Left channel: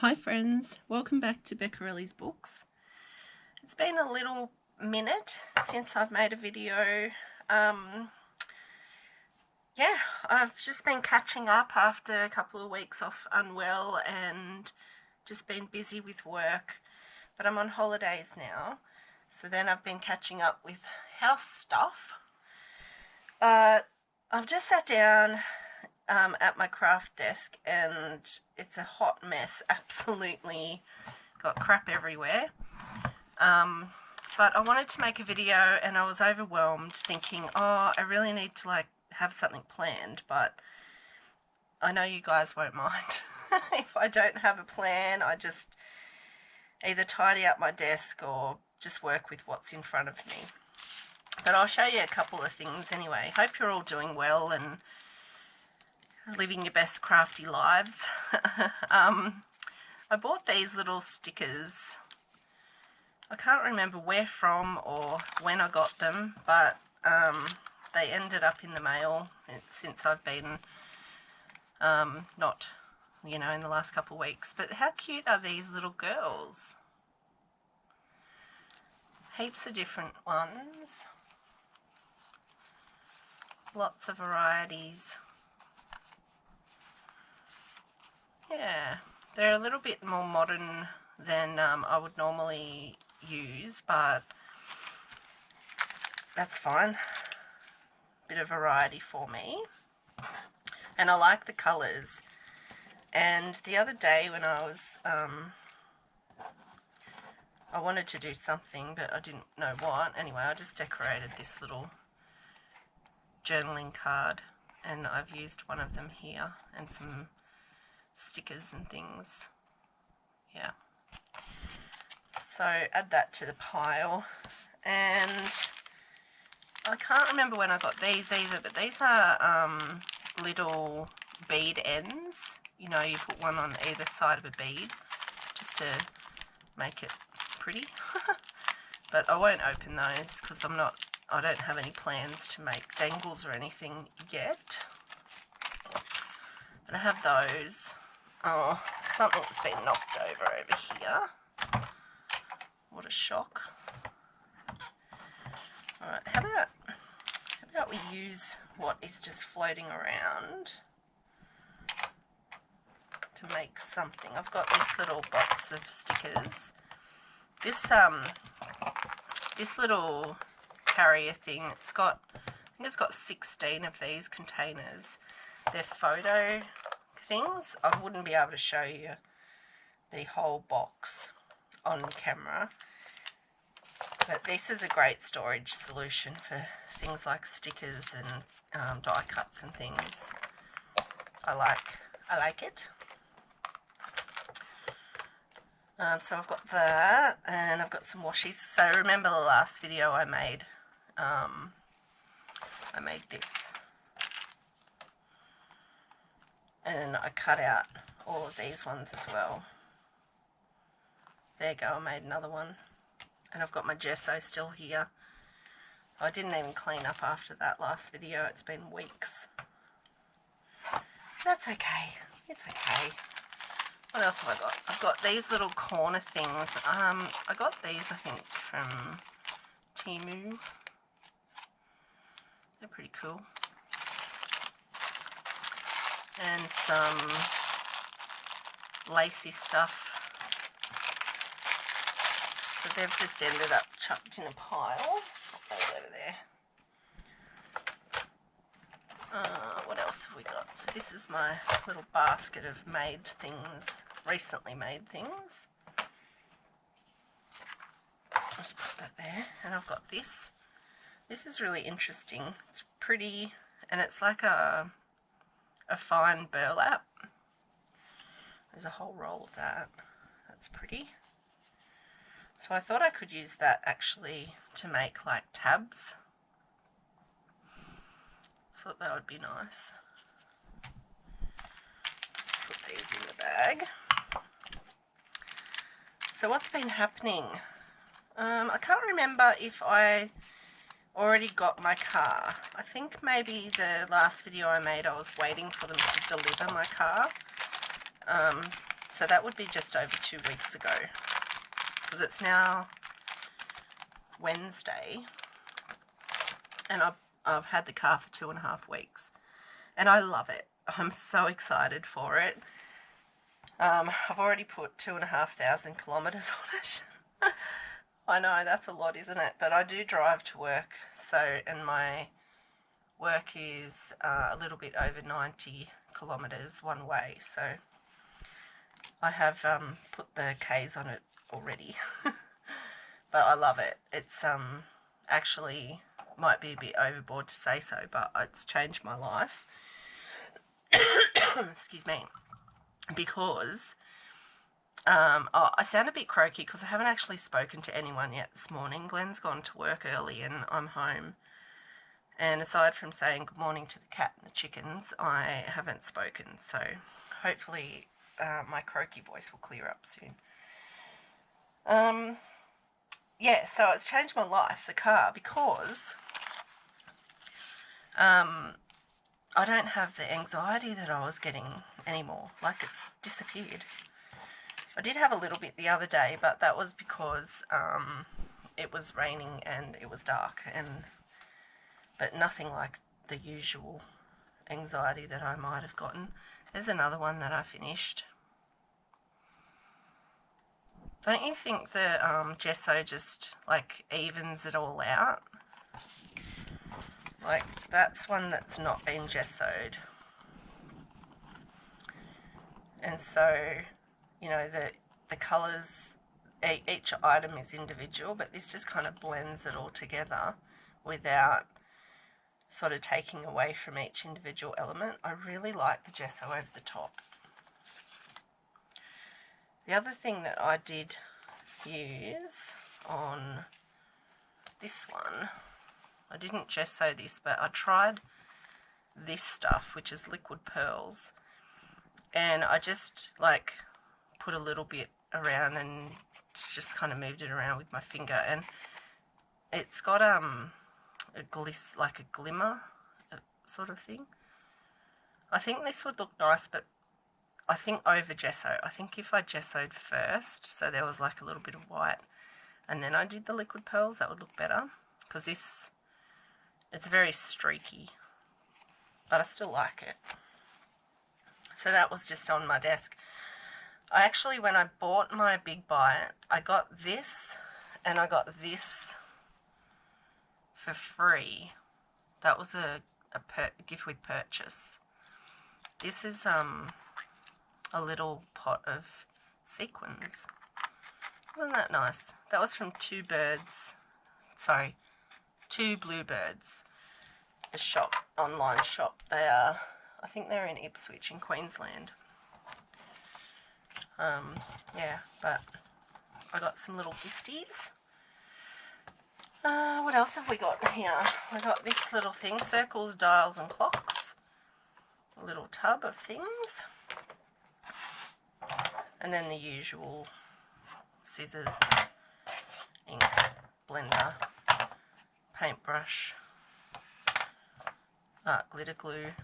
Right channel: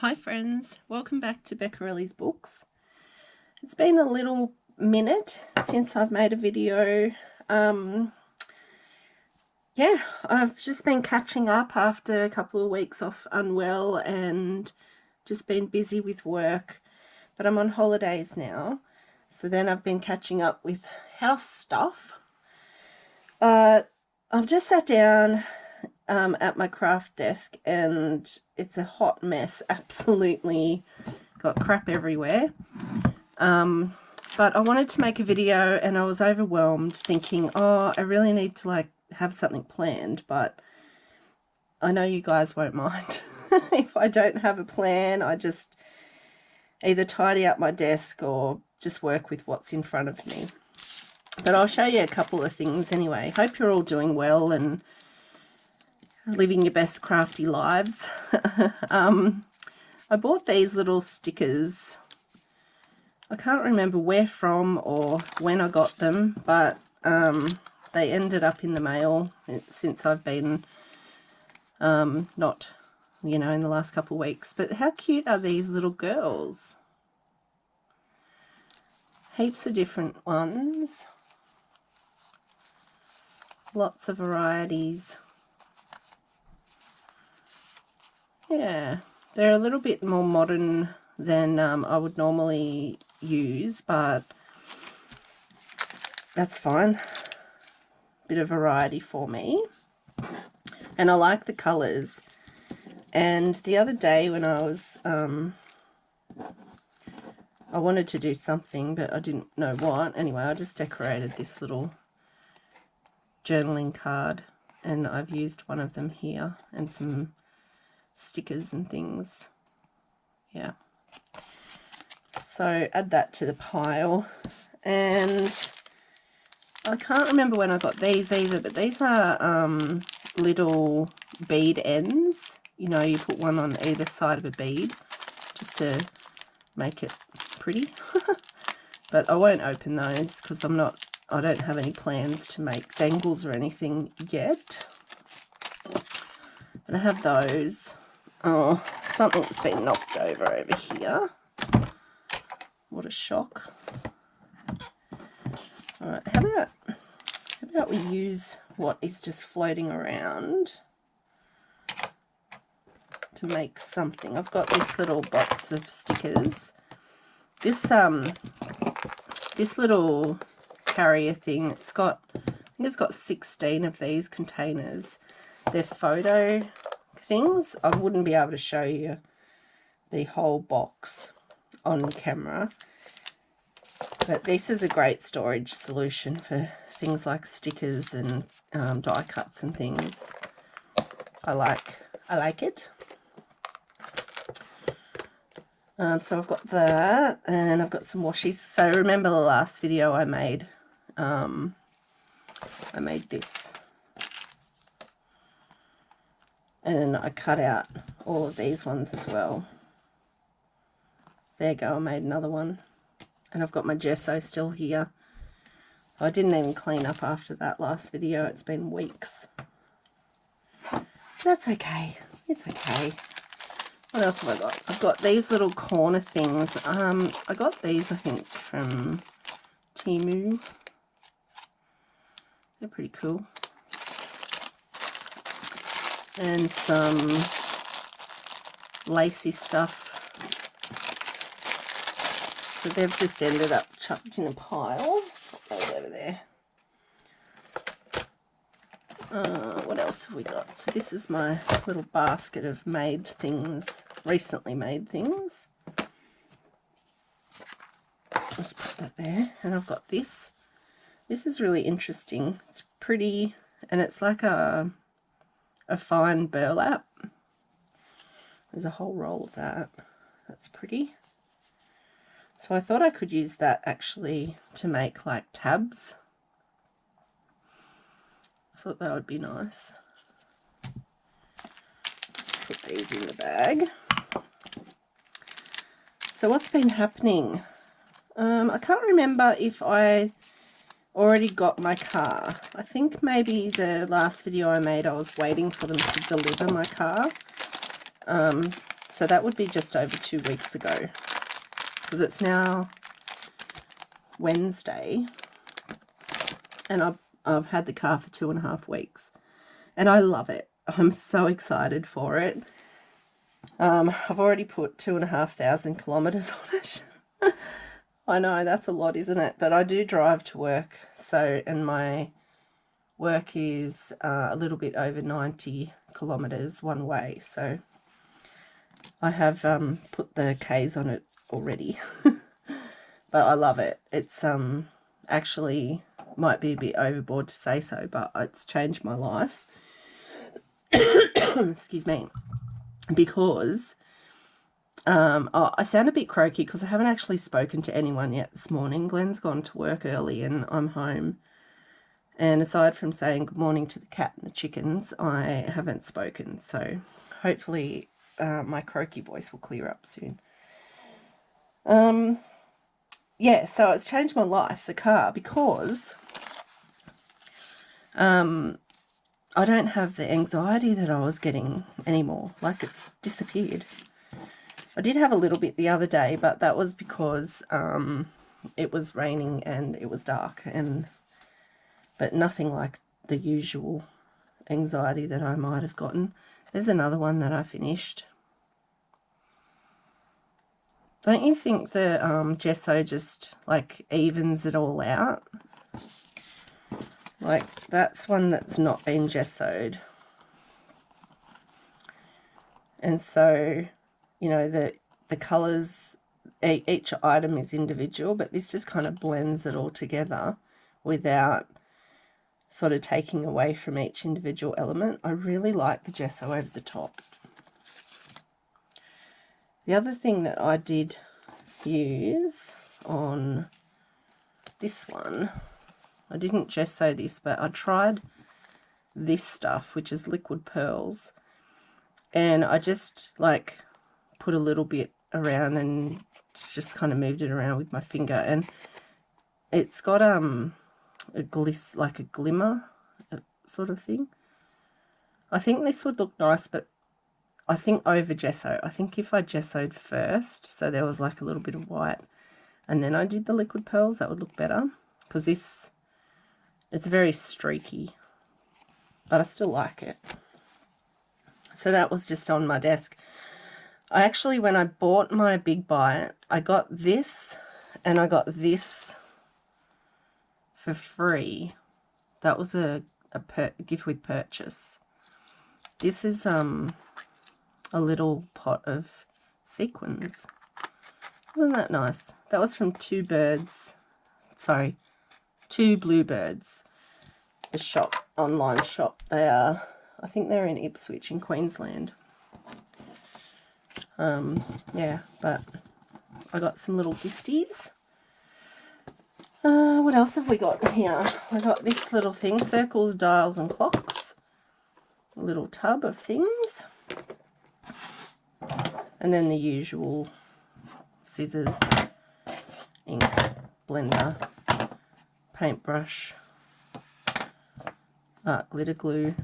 Hi friends, welcome back to Beccarelli's Books. It's been a little minute since I've made a video. Yeah, I've just been catching up after a couple of weeks off unwell and just been busy with work, but I'm on holidays now, so then I've been catching up with house stuff. I've just sat down at my craft desk and it's a hot mess, absolutely got crap everywhere. But I wanted to make a video and I was overwhelmed thinking, oh, I really need to have something planned, but I know you guys won't mind if I don't have a plan. I just either tidy up my desk or just work with what's in front of me. But I'll show you a couple of things anyway. Hope you're all doing well and living your best crafty lives. I bought these little stickers. I can't remember where from or when I got them, but they ended up in the mail since I've been not, in the last couple of weeks. But how cute are these little girls? Heaps of different ones. Lots of varieties. Yeah, they're a little bit more modern than I would normally use, but that's fine. Bit of variety for me. And I like the colours. And the other day when I was, I wanted to do something, but I didn't know what. Anyway, I just decorated this little journaling card, and I've used one of them here and some stickers and things. Yeah. So add that to the pile. And I can't remember when I got these either, but these are little bead ends. You put one on either side of a bead just to make it pretty. But I won't open those because I don't have any plans to make dangles or anything yet. But I have those. Oh, something's been knocked over here. What a shock. Alright, how about we use what is just floating around to make something. I've got this little box of stickers. This little carrier thing, I think it's got 16 of these containers. They're photo things. I wouldn't be able to show you the whole box on camera, but this is a great storage solution for things like stickers and die cuts and things. I like it. So I've got that, and I've got some washies. So remember the last video I made this, and I cut out all of these ones as well. There you go, I made another one. And I've got my gesso still here. I didn't even clean up after that last video. It's been weeks. That's okay. It's okay. What else have I got? I've got these little corner things. I got these, I think, from Temu. They're pretty cool. And some lacy stuff. So they've just ended up chucked in a pile. Those over there. What else have we got? So this is my little basket of made things, recently made things. Just put that there. And I've got this. This is really interesting. It's pretty, and it's like a fine burlap. There's a whole roll of that. That's pretty. So I thought I could use that actually to make like tabs. I thought that would be nice. Put these in the bag. So what's been happening? I can't remember if I already got my car. I think maybe the last video I made I was waiting for them to deliver my car. So So that would be just over 2 weeks ago, because it's now Wednesday, and I've had the car for 2.5 weeks, and I love it. I'm so excited for it. I've already put 2,500 kilometers on it. I know that's a lot, isn't it? But I do drive to work, so, and my work is a little bit over 90 kilometers one way, so I have put the K's on it already. But I love it. It's actually might be a bit overboard to say so, but it's changed my life. Excuse me. Because I sound a bit croaky because I haven't actually spoken to anyone yet this morning. Glenn's gone to work early and I'm home. And aside from saying good morning to the cat and the chickens, I haven't spoken. So hopefully my croaky voice will clear up soon. Yeah, so it's changed my life, the car, because I don't have the anxiety that I was getting anymore. Like, it's disappeared. I did have a little bit the other day, but that was because it was raining and it was dark, but nothing like the usual anxiety that I might have gotten. There's another one that I finished. Don't you think the gesso just like evens it all out? Like, that's one that's not been gessoed. And so, you know, the colours, each item is individual, but this just kind of blends it all together without sort of taking away from each individual element. I really like the gesso over the top. The other thing that I did use on this one, I didn't gesso this, but I tried this stuff, which is liquid pearls, and I just like put a little bit around and just kind of moved it around with my finger, and it's got a like a glimmer sort of thing. I think this would look nice, but I think over gesso. I think if I gessoed first, so there was like a little bit of white, and then I did the liquid pearls, that would look better, because this, it's very streaky, but I still like it. So that was just on my desk. I actually, when I bought my big bite, I got this and I got this for free. That was a gift with purchase. This is a little pot of sequins. Isn't that nice? That was from Two Bluebirds, the shop, online shop. They are, I think they're in Ipswich in Queensland. Yeah, but I got some little gifties. What else have we got here? I got this little thing, circles, dials and clocks. A little tub of things. And then the usual scissors, ink, blender, paintbrush, glitter glue,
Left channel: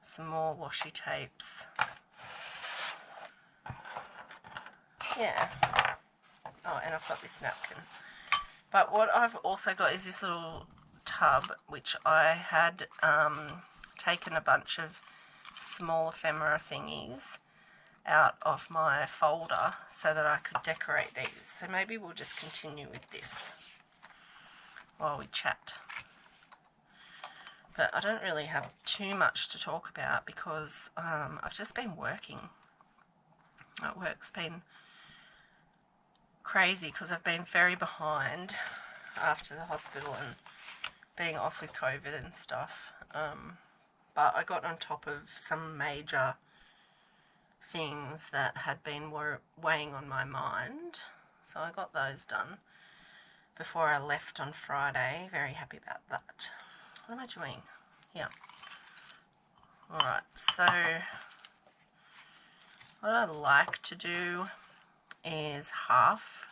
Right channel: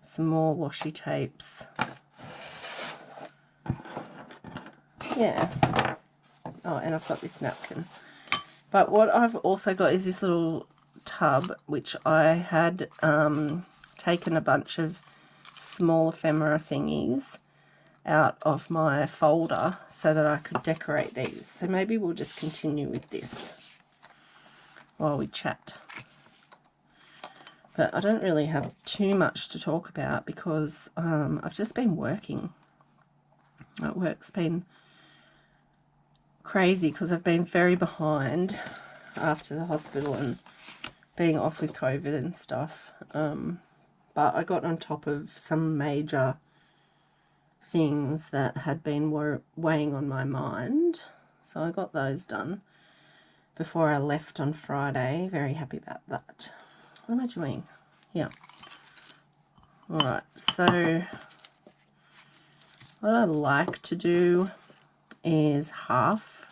some more washi tapes. Yeah. Oh, and I've got this napkin. But what I've also got is this little tub, which I had taken a bunch of small ephemera thingies out of my folder so that I could decorate these. So maybe we'll just continue with this while we chat. But I don't really have too much to talk about because I've just been working. Work's been crazy because I've been very behind after the hospital and being off with COVID and stuff. But I got on top of some major things that had been weighing on my mind. So I got those done before I left on Friday. Very happy about that. What am I doing? Yeah. Alright, so what I like to do is half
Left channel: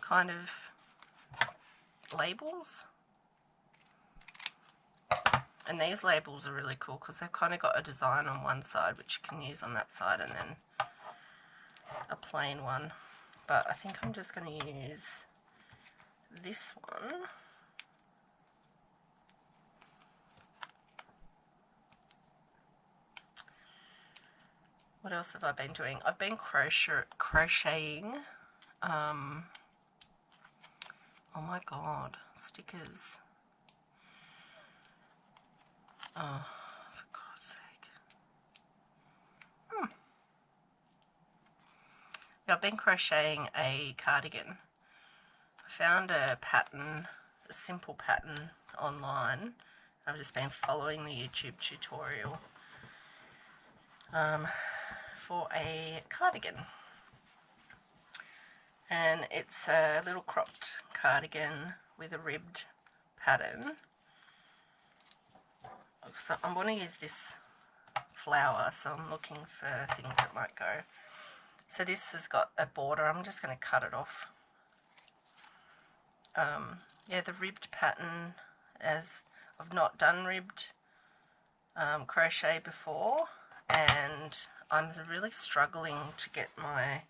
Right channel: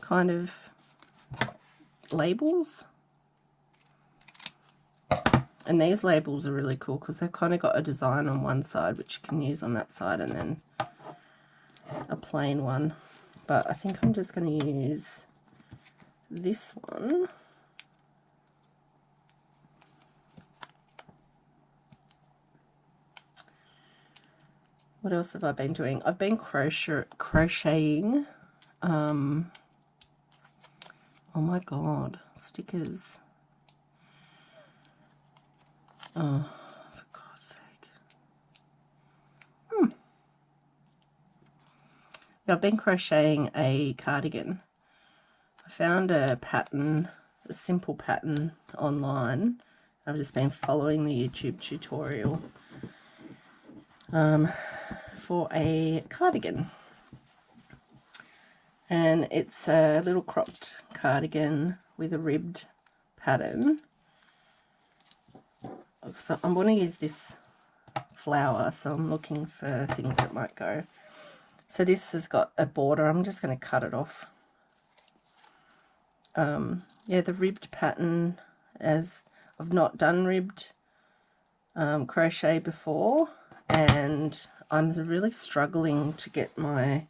kind of labels. And these labels are really cool because they've kind of got a design on one side which you can use on that side, and then a plain one. But I think I'm just going to use this one. What else have I been doing? I've been crocheting. Oh my god, stickers. Oh, for God's sake. Yeah, I've been crocheting a cardigan. I found a pattern, a simple pattern online. I've just been following the YouTube tutorial for a cardigan. And it's a little cropped cardigan with a ribbed pattern. So I'm going to use this flower, so I'm looking for things that might go. So this has got a border. I'm just going to cut it off. Yeah, the ribbed pattern, as I've not done ribbed crochet before, and I'm really struggling to get the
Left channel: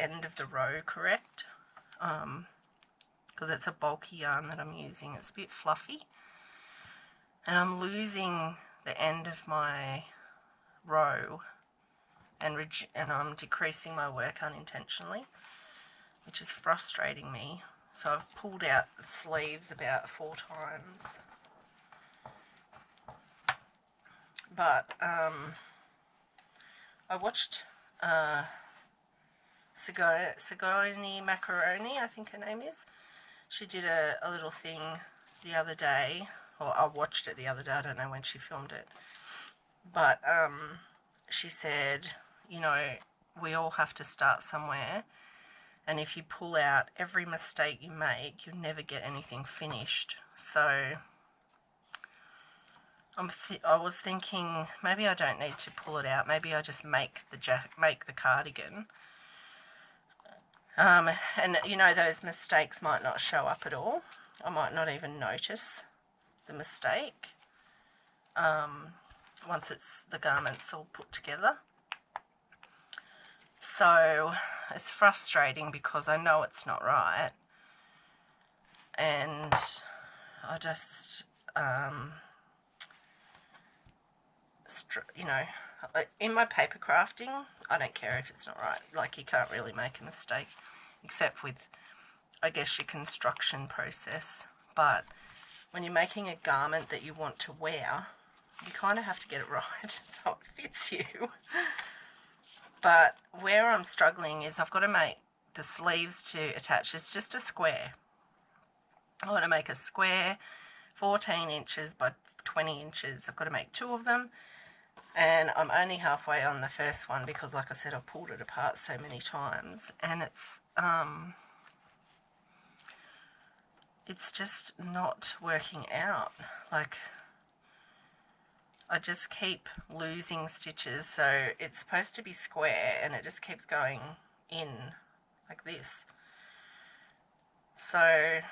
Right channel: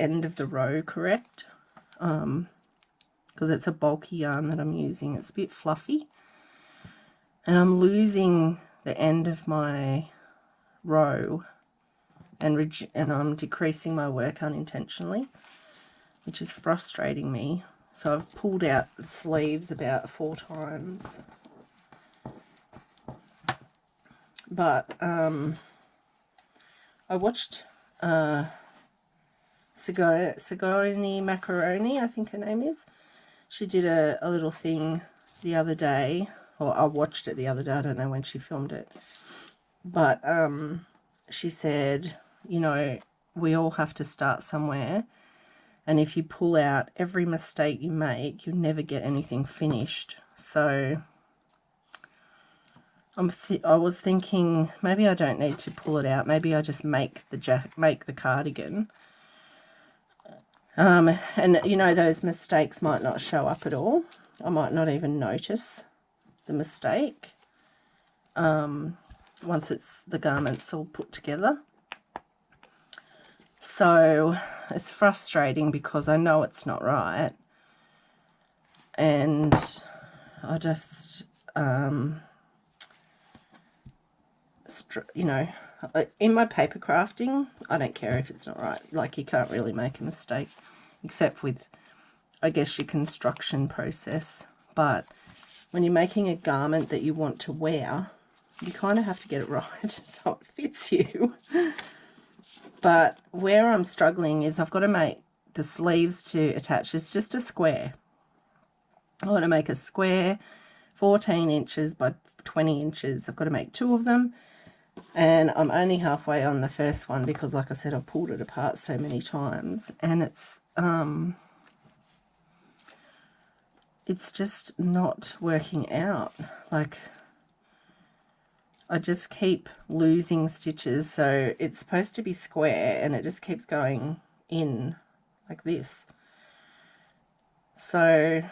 end of the row correct, because it's a bulky yarn that I'm using. It's a bit fluffy, and I'm losing the end of my row, and I'm decreasing my work unintentionally, which is frustrating me. So I've pulled out the sleeves about 4 times. But I watched Sigourney Macaroni, I think her name is. She did a little thing the other day, or I watched it the other day, I don't know when she filmed it. But she said, you know, we all have to start somewhere. And if you pull out every mistake you make, you'll never get anything finished. So I was thinking maybe I don't need to pull it out. Maybe I just make the cardigan. And you know, those mistakes might not show up at all. I might not even notice the mistake once the garment's all put together. So it's frustrating because I know it's not right, and I just you know, in my paper crafting, I don't care if it's not right. Like, you can't really make a mistake except with, I guess, your construction process. But when you're making a garment that you want to wear, you kind of have to get it right so it fits you. But where I'm struggling is I've got to make the sleeves to attach. It's just a square. I want to make a square 14 inches by 20 inches. I've got to make 2 of them. And I'm only halfway on the first one because, like I said, I pulled it apart so many times. And it's just not working out. Like, I just keep losing stitches. So it's supposed to be square and it just keeps going in like this. So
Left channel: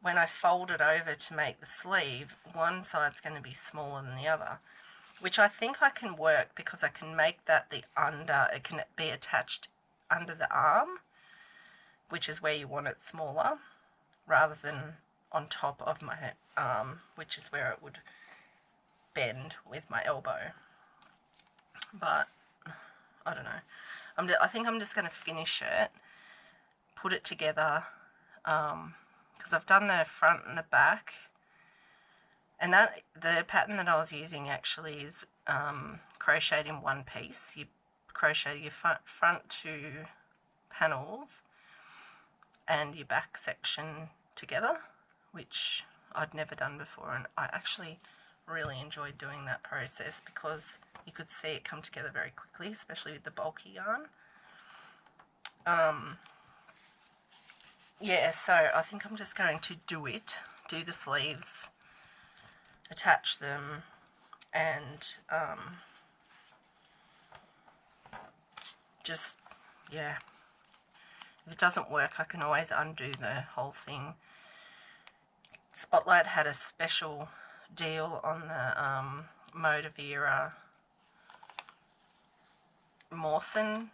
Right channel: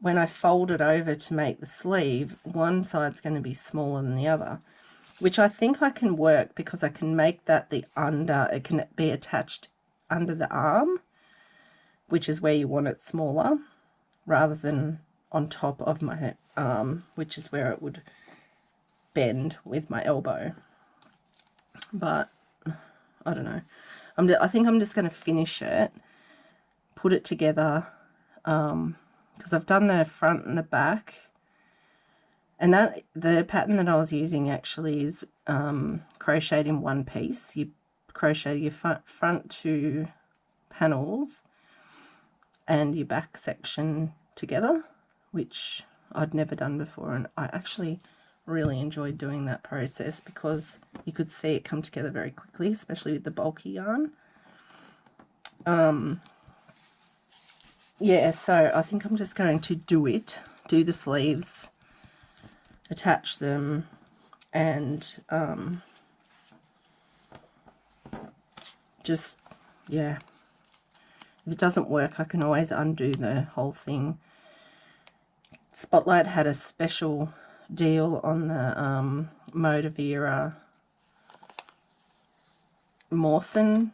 when I fold it over to make the sleeve, one side's going to be smaller than the other, which I think I can work because I can make that it can be attached under the arm, which is where you want it smaller, rather than on top of my arm, which is where it would bend with my elbow. But I don't know. I think I'm just going to finish it, put it together, because I've done the front and the back. And the pattern that I was using actually is crocheted in one piece. You crochet your front 2 panels and your back section together, which I'd never done before, and I actually really enjoyed doing that process because you could see it come together very quickly, especially with the bulky yarn. Yeah, so I think I'm just going to do the sleeves, attach them, and just, yeah, if it doesn't work, I can always undo the whole thing. Spotlight had a special deal on the Motivera Mawson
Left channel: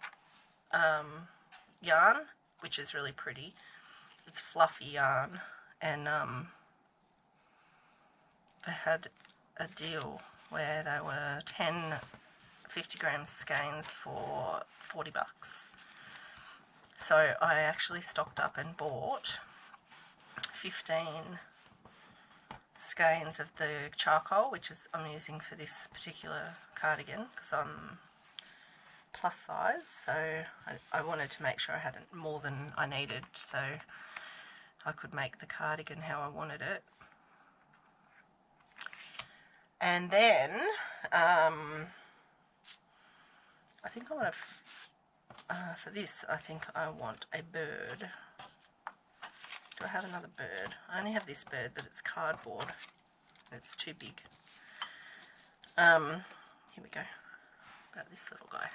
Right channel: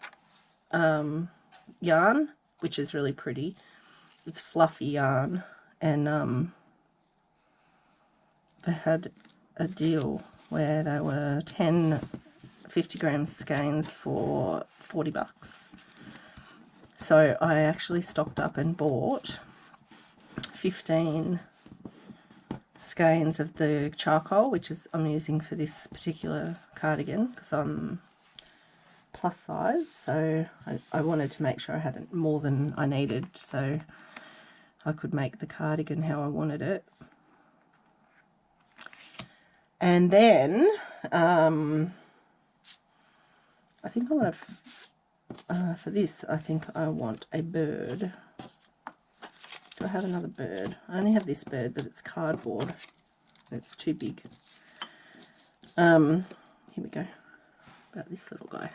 yarn, which is really pretty. It's fluffy yarn, and they had a deal where they were 10 50-gram skeins for $40. So I actually stocked up and bought 15 skeins of the charcoal, which is I'm using for this particular cardigan because I'm plus size, so I wanted to make sure I had more than I needed so I could make the cardigan how I wanted it. And then I think I want to for this I think I want a bird. Do I have another bird? I only have this bird, but it's cardboard. It's too big. Here we go. About this little guy.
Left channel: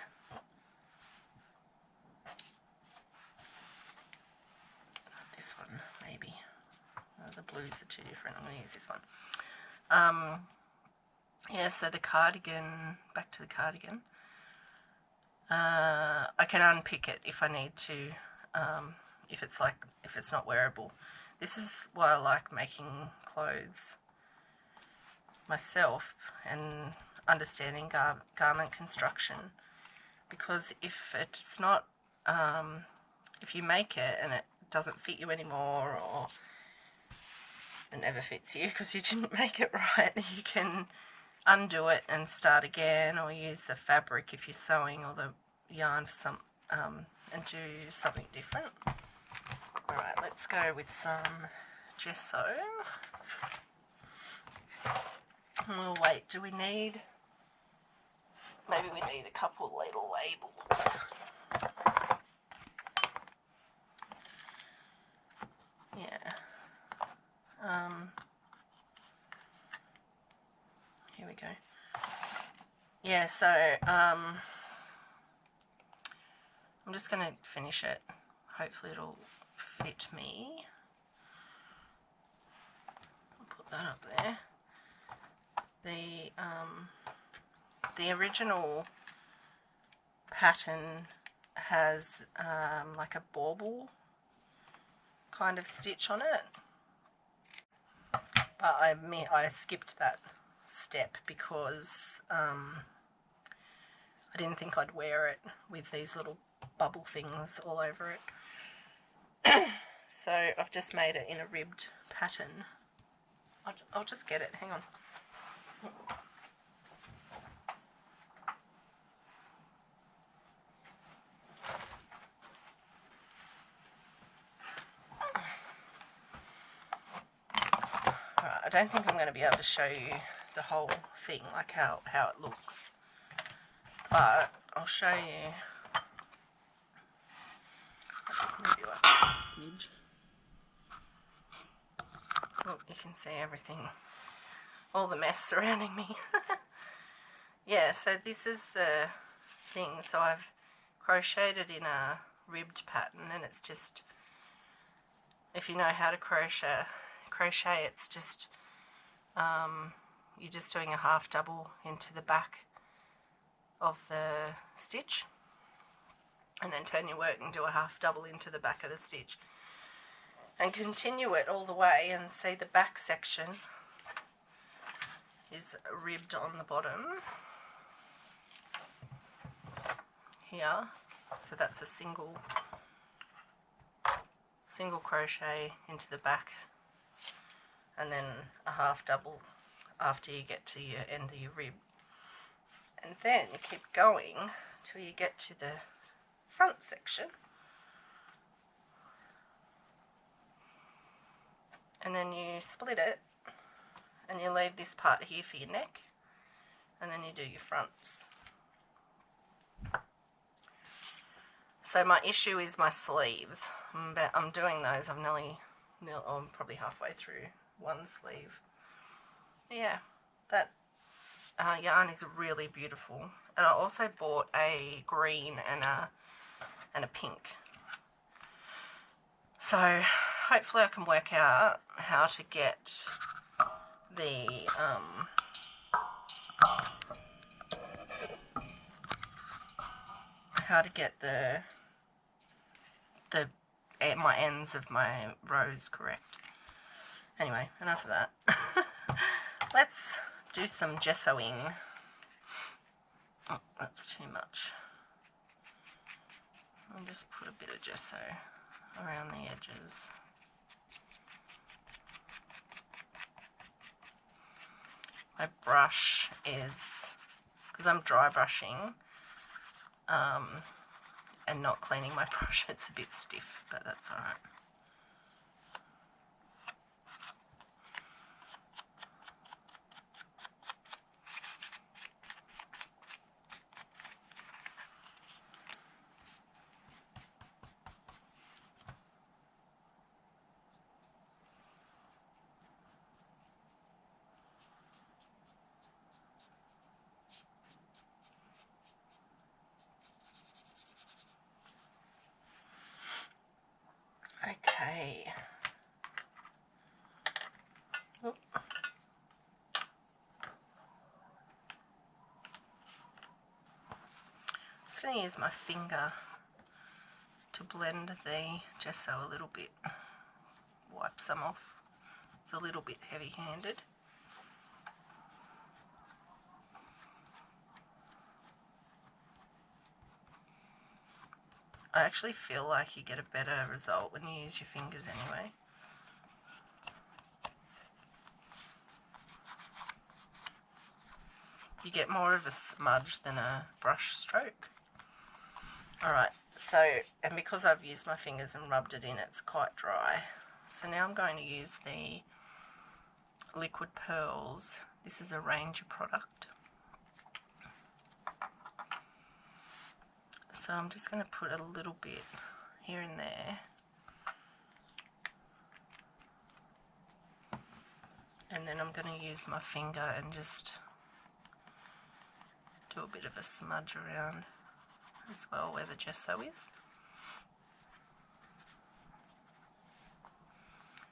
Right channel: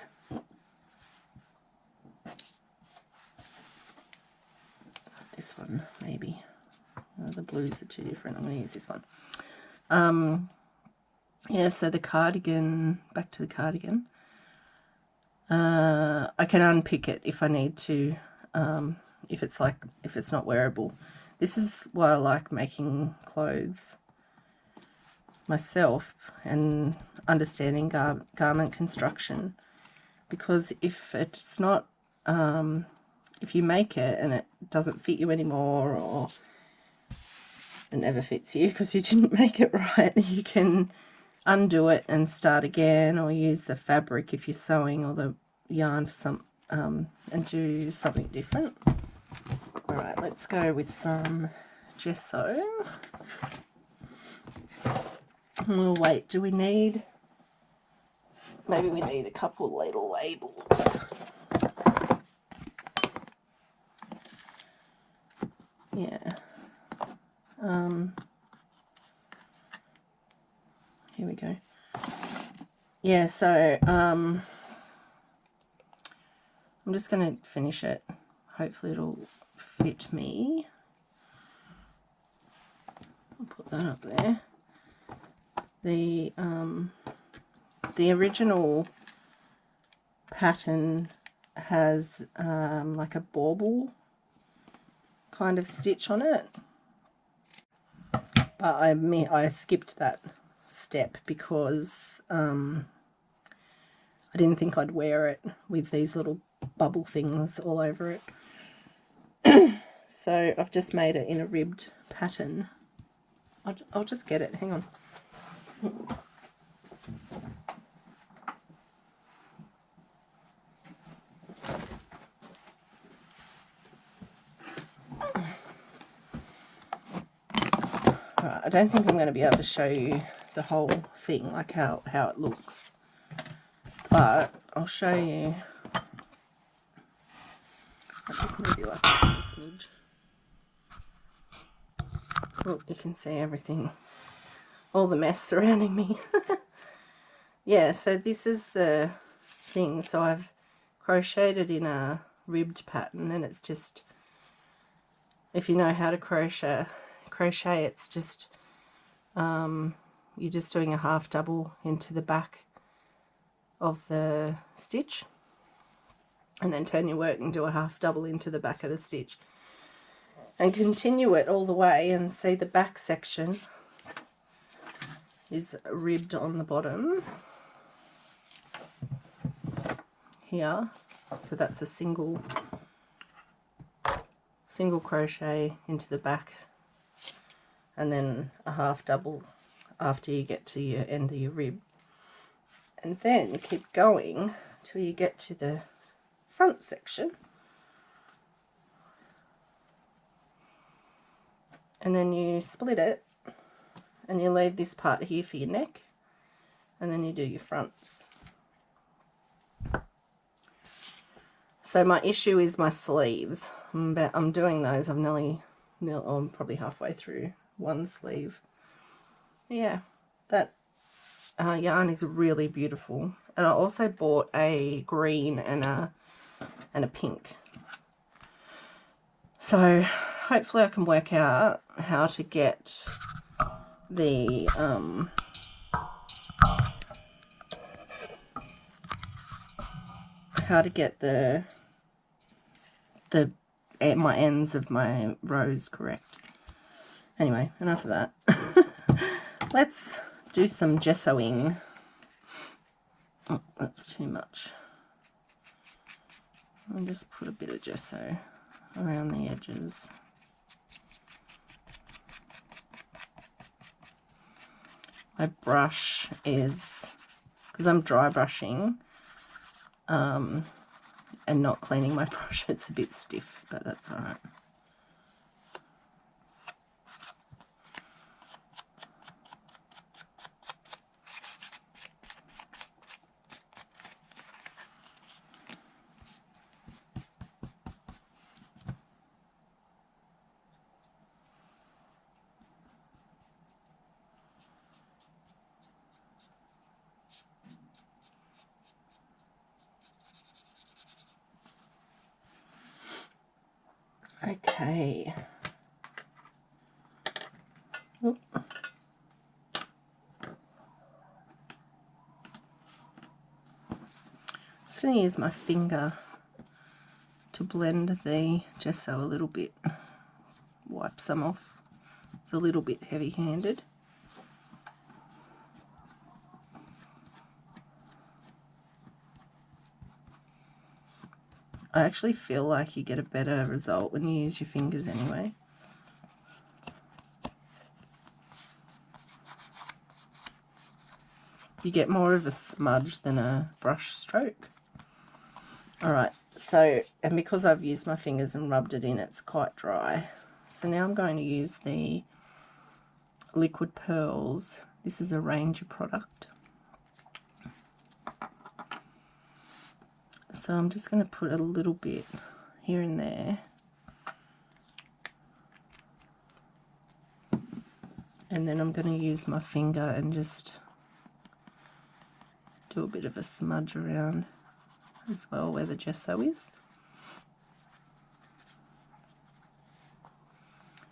This one, maybe. The blues are too different. I'm going to use this one. Yeah, so the cardigan, back to the cardigan. I can unpick it if I need to, if it's not wearable. This is why I like making clothes myself and understanding garment construction, because if it's not, if you make it and it doesn't fit you anymore, or it never fits you because you didn't make it right, you can undo it and start again, or use the fabric if you're sewing, or the yarn for some and do something different. All right, let's go with some gesso. Oh wait, do we need, maybe we need a couple little labels. Yeah. Here we go. Yeah, so I'm just going to finish it. Hopefully it'll fit me. I'll put that up there. The original pattern has like a bauble kind of stitch on it, but I skipped that step because I didn't think I'd wear it with these little bubble things all over it. So I've just made it in a ribbed pattern. I'll just get it, hang on. Alright, I don't think I'm going to be able to show you the whole thing, like how it looks, but I'll show you. I'll just maybe like a tiny smidge. Oh, you can see everything, all the mess surrounding me. Yeah, so this is the thing. So I've crocheted in a ribbed pattern, and it's just, if you know how to crochet, it's just you're just doing a half double into the back of the stitch, and then turn your work and do a half double into the back of the stitch, and continue it all the way. And see, the back section is ribbed on the bottom here, so that's a single crochet into the back, and then a half double after you get to your end of your rib, and then you keep going till you get to the front section, and then you split it and you leave this part here for your neck, and then you do your fronts. So my issue is my sleeves. I'm doing those. I'm I'm probably halfway through one sleeve. Yeah, that yarn is really beautiful. And I also bought a green and a pink. So hopefully I can work out how to get the how to get my ends of my rows correct. Anyway, enough of that. Let's do some gessoing. Oh, that's too much. I'll just put a bit of gesso around the edges. My brush is, because I'm dry brushing and not cleaning my brush, it's a bit stiff, but that's all right. Okay. Oop. Just going to use my finger to blend the gesso a little bit. Wipe some off. It's a little bit heavy-handed. I actually feel like you get a better result when you use your fingers anyway. You get more of a smudge than a brush stroke. Alright, so, and because I've used my fingers and rubbed it in, it's quite dry. So now I'm going to use the Liquid Pearls. This is a Ranger product. So I'm just going to put a little bit here and there. And then I'm going to use my finger and just do a bit of a smudge around as well where the gesso is.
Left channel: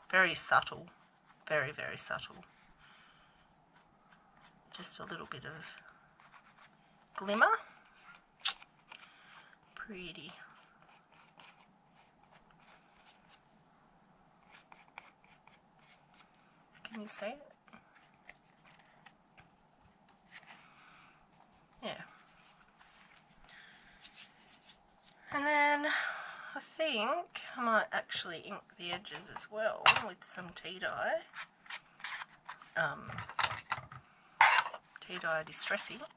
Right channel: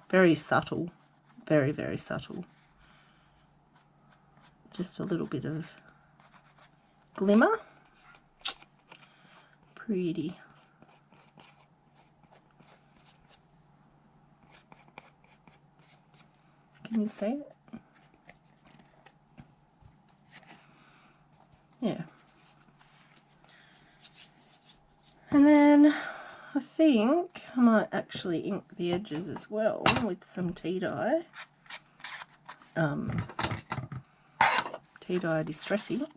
Very subtle, very, very subtle. Just a little bit of glimmer. Pretty. Can you see it? Yeah. And then I think I might actually ink the edges as well with some tea dye. Tea dye distress ink.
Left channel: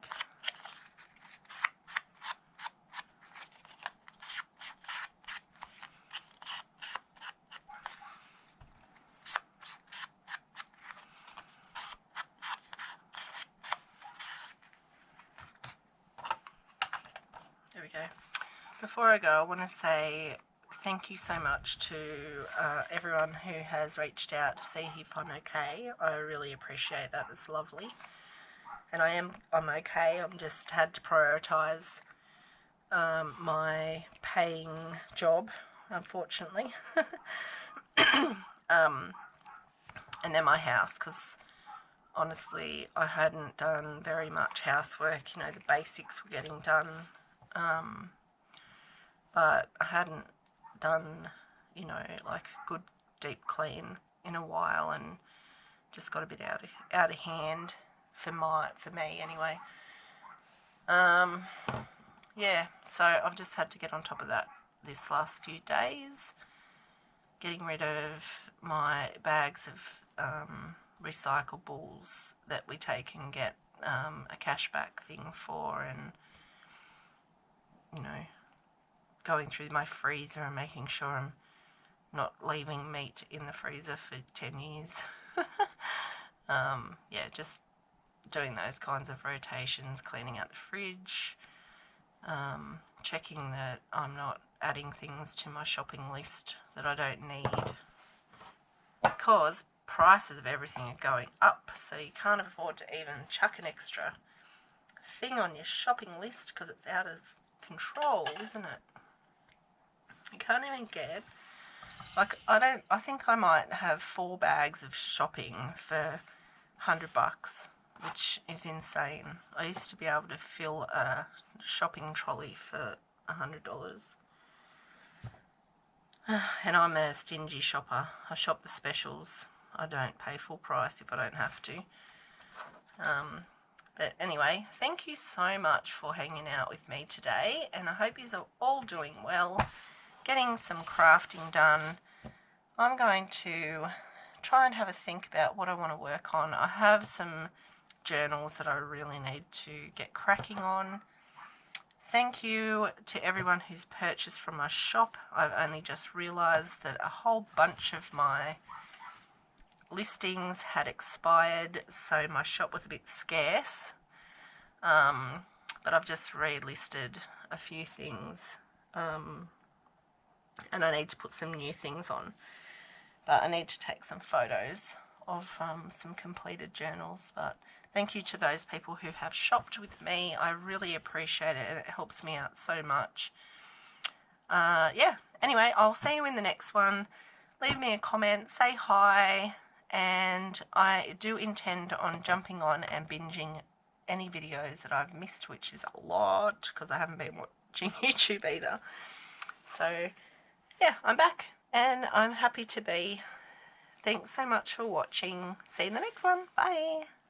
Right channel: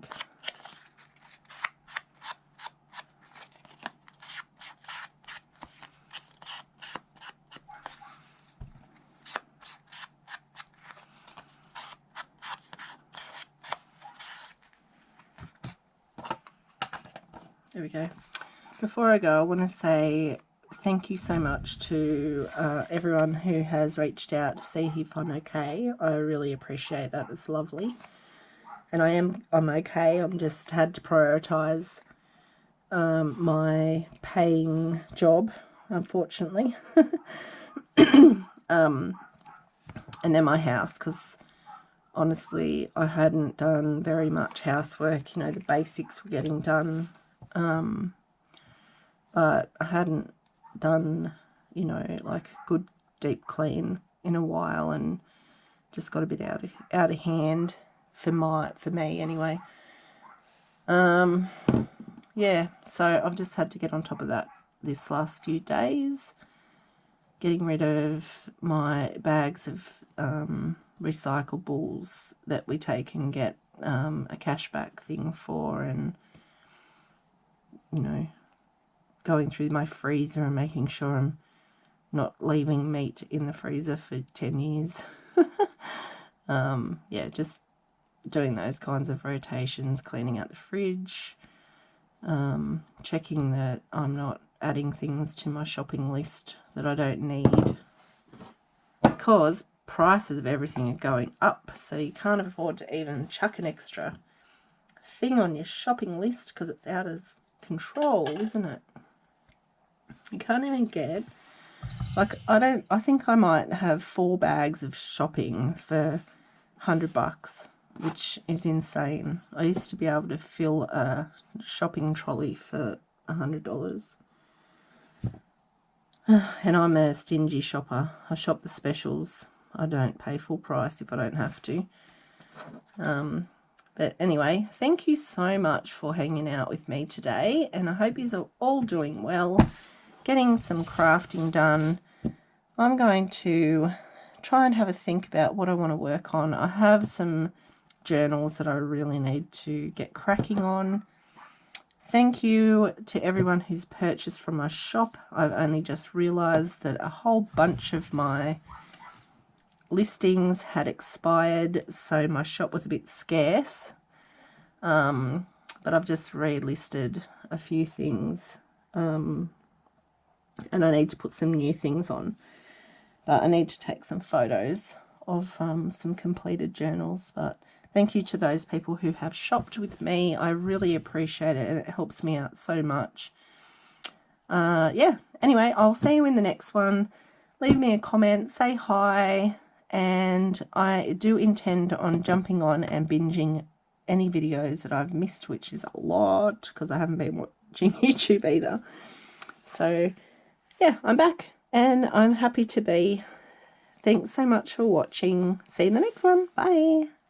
There we go. Before I go, I want to say thank you so much to everyone who has reached out to see if I'm okay. I really appreciate that. That's lovely. And I'm okay. I'm just had to prioritise my paying job, unfortunately. And then my house, because honestly I hadn't done very much housework. You know, the basics were getting done. But I hadn't done, you know, like a good deep clean in a while, and just got a bit out of hand for me anyway. Yeah, so I've just had to get on top of that this last few days, getting rid of my bags of recyclables that we take and get a cashback thing for, and you know, going through my freezer and making sure I'm not leaving meat in the freezer for 10 years. Yeah, just doing those kinds of rotations, cleaning out the fridge, checking that I'm not adding things to my shopping list that I don't need, because prices of everything are going up, so you can't afford to even chuck an extra thing on your shopping list because it's out of control, isn't it? You can't even get, like, I think I might have 4 bags of shopping for $100, which is insane. I used to be able to fill a shopping trolley for $100. And I'm a stingy shopper. I shop the specials. I don't pay full price if I don't have to. But anyway, thank you so much for hanging out with me today, and I hope you're all doing well, getting some crafting done. I'm going to try and have a think about what I want to work on. I have some journals that I really need to get cracking on. Thank you to everyone who's purchased from my shop. I've only just realised that a whole bunch of my listings had expired, so my shop was a bit scarce. But I've just relisted a few things, and I need to put some new things on. But I need to take some photos of some completed journals. But thank you to those people who have shopped with me. I really appreciate it, and it helps me out so much. Yeah, anyway, I'll see you in the next one. Leave me a comment, say hi, and I do intend on jumping on and binging any videos that I've missed, which is a lot because I haven't been watching YouTube either. So yeah, I'm back and I'm happy to be. Thanks so much for watching. See you in the next one. Bye.